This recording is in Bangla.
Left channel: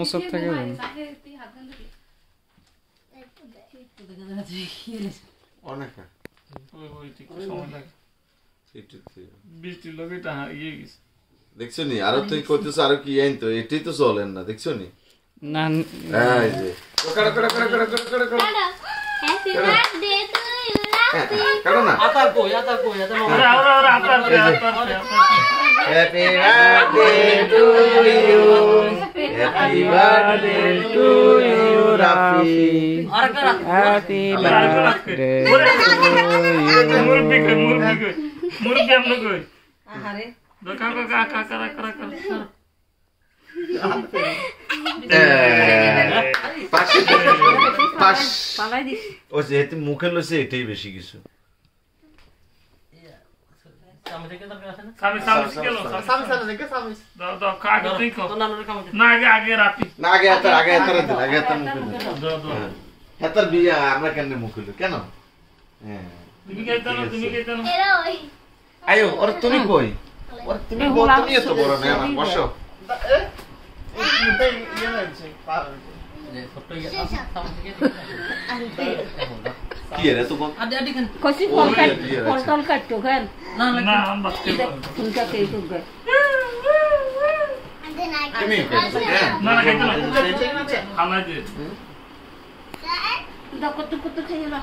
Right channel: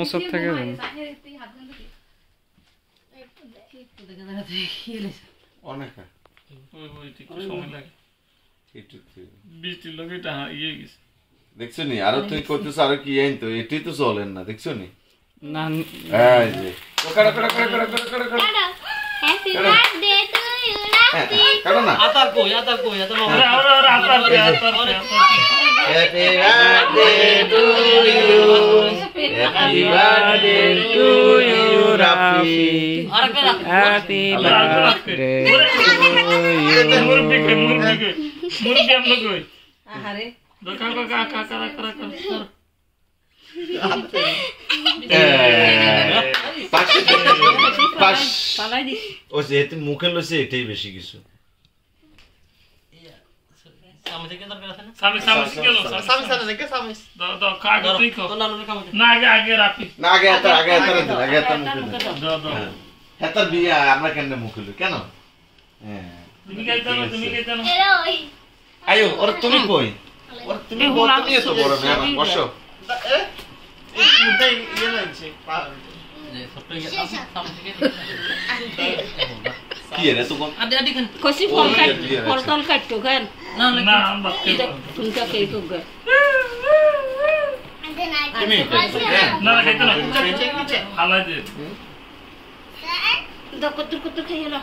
ওসব থাকে অনেক বৃষ্টির লোক এটা ইয়ে গেছে দেখছো নি আরো তুই করতেছ আরো কি আইন তো এটি তো চলেন না দেখছো নি না এই যে happy birthday to you Rafi কারণ না আতার কই মামা আরে Atar happy birthday to you happy birthday to you Rafi happy birthday মুরগি আমরা কই আরে ও যেহেতু মুখে লইছে এটাই বেশি কিছু হেতার বিয়া আমরা কেন মুখে লই কেন আয়ো ওর তুমি কই ওর তুমি বলতে এত বড় মেয়ে বসো কি রে তো কোন আদি খান কসি ফল কাটতো খান না না আমরা তুমটা খেয়ে তো গা তুমি না না খাইতে না হালাই দে দা কত খেয়ে না